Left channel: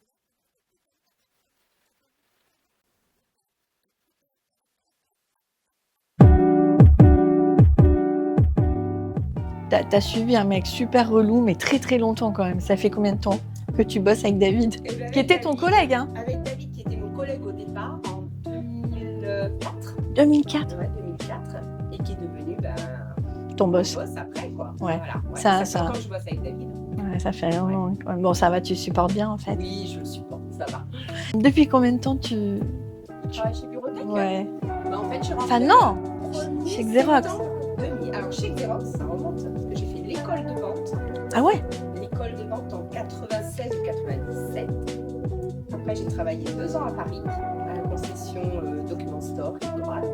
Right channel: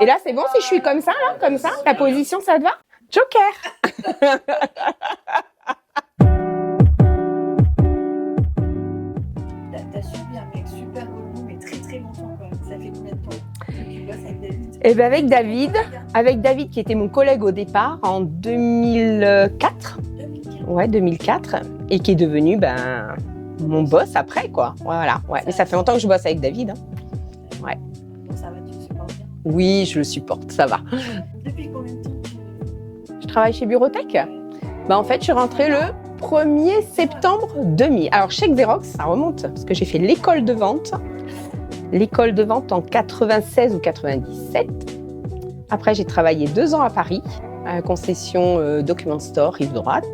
Et là, c'est bon si je suis comme ça, là, comme ça? La position, ça te va? Joker! T'as suivi un mec super relou, mais très très longtemps quand même. Ça fait combien de temps que tu bosses avec David? Et ben avec C'était David, ton collègue, hein? avec David qui était mon collègue au départ en 2004. 2004. Ouais, 2004. Et qui est devenu Ton mon boss. boss après, quoi. Ouais. Voilà. Ouais. Ça- Ça fait ça- longtemps que je bosse avec David. Hein. Ouais, ça fait vraiment... Ouais. Bon, ça va, tu supportes bien en fait. Oui, je le supporte, ça va. Depuis combien de temps tu... Je travaille chez Bureautech. Ouais. En fait, je suis rentrée non. le 1er Chez Xerox. septembre 2000. Alors, chez Xerox, ça remonte, parce que j'ai fait l'école de vente. Ah ouais? L'école de vente en 96 ou 97. Après, j'ai travaillé 2 ans à Paris, à la concession Document Store, rive droite,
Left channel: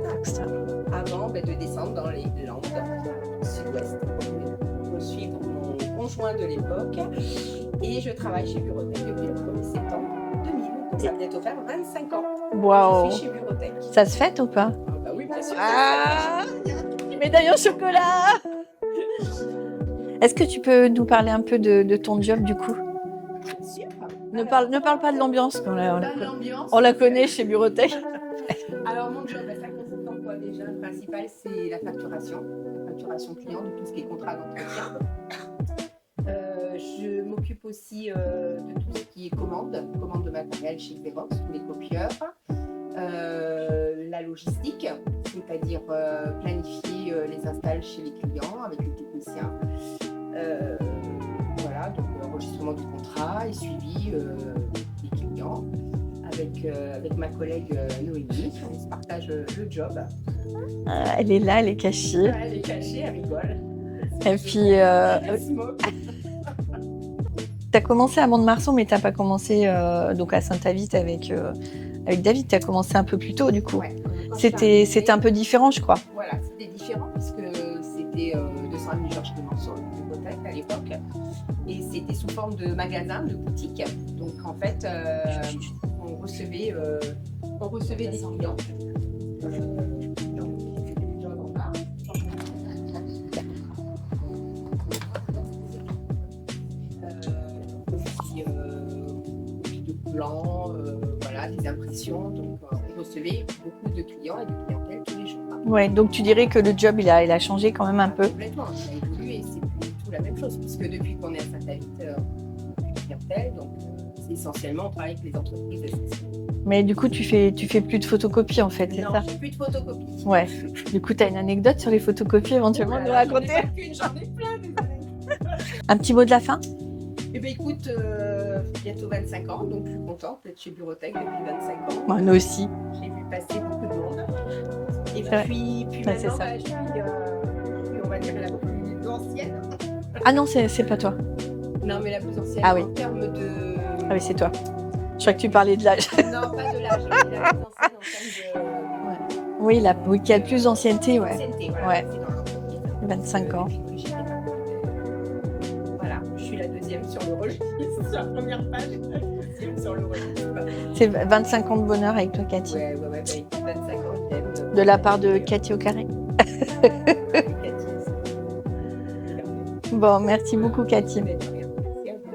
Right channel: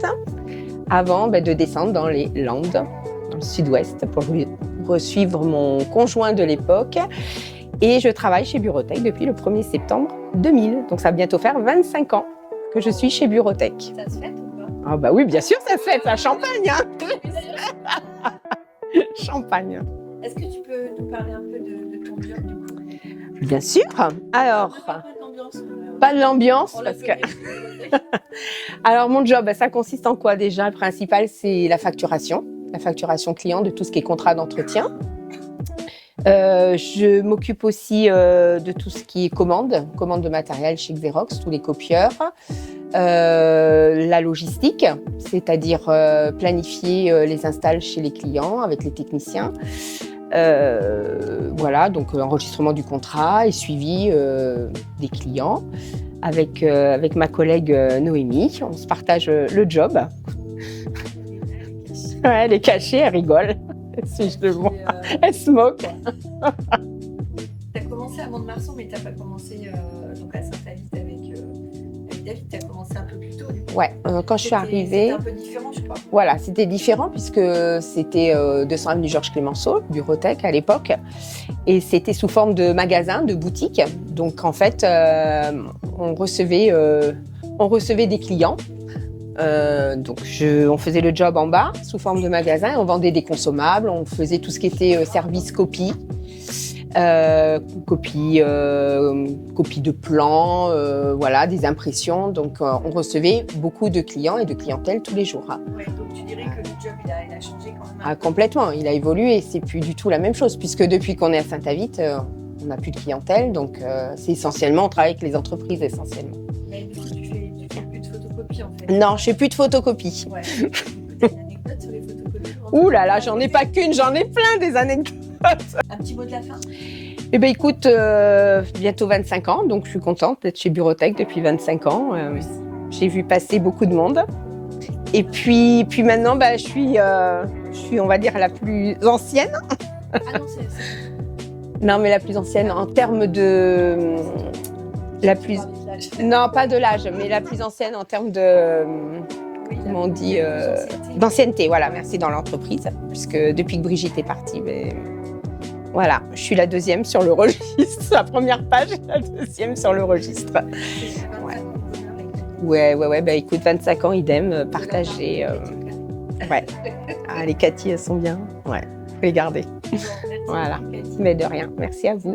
avant de descendre dans les Landes, dans le sud-ouest, pour suivre mon conjoint de l'époque. Et je travaille chez Bureautech depuis le 1er septembre 2000. Donc, ça va bientôt faire 25 ans que je suis chez Bureautech. Ça se fête ou pas? Ah bah oui, bien sûr, ça se fait, la champagne, hein. Médaille au chocolat. Champagne. Est-ce que tu peux nous parler un peu de ton job du coup? Bien sûr. Ne parle pas de l'ambiance. Pas de l'ambiance. On la parce que- connaît chez Bureautech. Alors, mon job, ça consiste en quoi déjà? Le principal, c'est la facturation client de tout ce qui est contrat d'entretien. Je m'occupe aussi de tout ce qui est commande de matériel chez Xerox, tous les copieurs. La logistique, c'est-à-dire planifier les installs chez les clients avec les techniciens. Voilà, donc enregistrement du contrat et suivi des clients. Avec ma collègue Noémie, on se partage le job. Elle est là, elle est cachée. Ouais, elle est cachée, elle rigole. Et puis, Elle se moque. tu as commencé à Mont-de-Marsan, mais tu n'as pas commencé donc à Saint-Avit avec David. Tu as commencé un peu plus tôt, du coup. Ouais, quand je suis arrivée, C'était un peu différent, je crois. Voilà, c'était différent puisque c'était 200 avenue Georges Clemenceau, Bureautech à l'époque. Et c'était sous forme de magasin, de boutique. Donc en fait, on recevait des clients. On faisait le job en bas sous forme de magasin, on vendait des consommables, on faisait tout ce qui était service copie, copie de plans, voilà, des impressions. Donc on recevait beaucoup de clients et de clientèle tous les jours. Ouais, donc tu dirais que le job il a changé quand même un peu. Complètement, il a évolué, c'est plus du tout la même chose puisque depuis qu'on est à Saint-Avit, on n'a plus de clientèle, donc c'est essentiellement, on travaille avec les entreprises essentiellement. Mais du coup, tu fais plus de photocopies en fait. Non, je fais plus de photocopies. Ouais. Du coup, tu as une anecdote sur les photocopies éventuellement? Ouh là là, j'en ai pas qu'une, j'en ai plein des anecdotes. Un petit mot de la fin? Eh bien écoute, bientôt 25 ans, donc je suis contente d'être chez Bureautech depuis 25 ans. Moi aussi. J'ai vu passer beaucoup de monde. Et puis maintenant, je suis, on va dire, la plus ancienne. Ah non, c'est pas toi. Non, mais la plus ancienne Ah oui. en termes de... Ah oui, c'est toi. Tu plus- parlais de l'âge. Non, pas de l'âge, mais la plus ancienne en termes de... Oui, Comment on qui a dit, le plus d'ancienneté. Ouais. D'ancienneté, voilà, Ouais. c'est dans l'entreprise. Parce 25 que ans. depuis que Brigitte est partie, voilà, je suis la deuxième sur le registre. La première page, la deuxième sur le registre. C'est 25 ans de bonheur avec toi, Cathy. Ouais, écoute, 25 ans, idem. De la part de Cathy au carré. Ouais. Les Cathy, elles sont bien. Ouais, faut les garder. Bon, merci Voilà. beaucoup, Cathy. Mais de rien, merci à vous.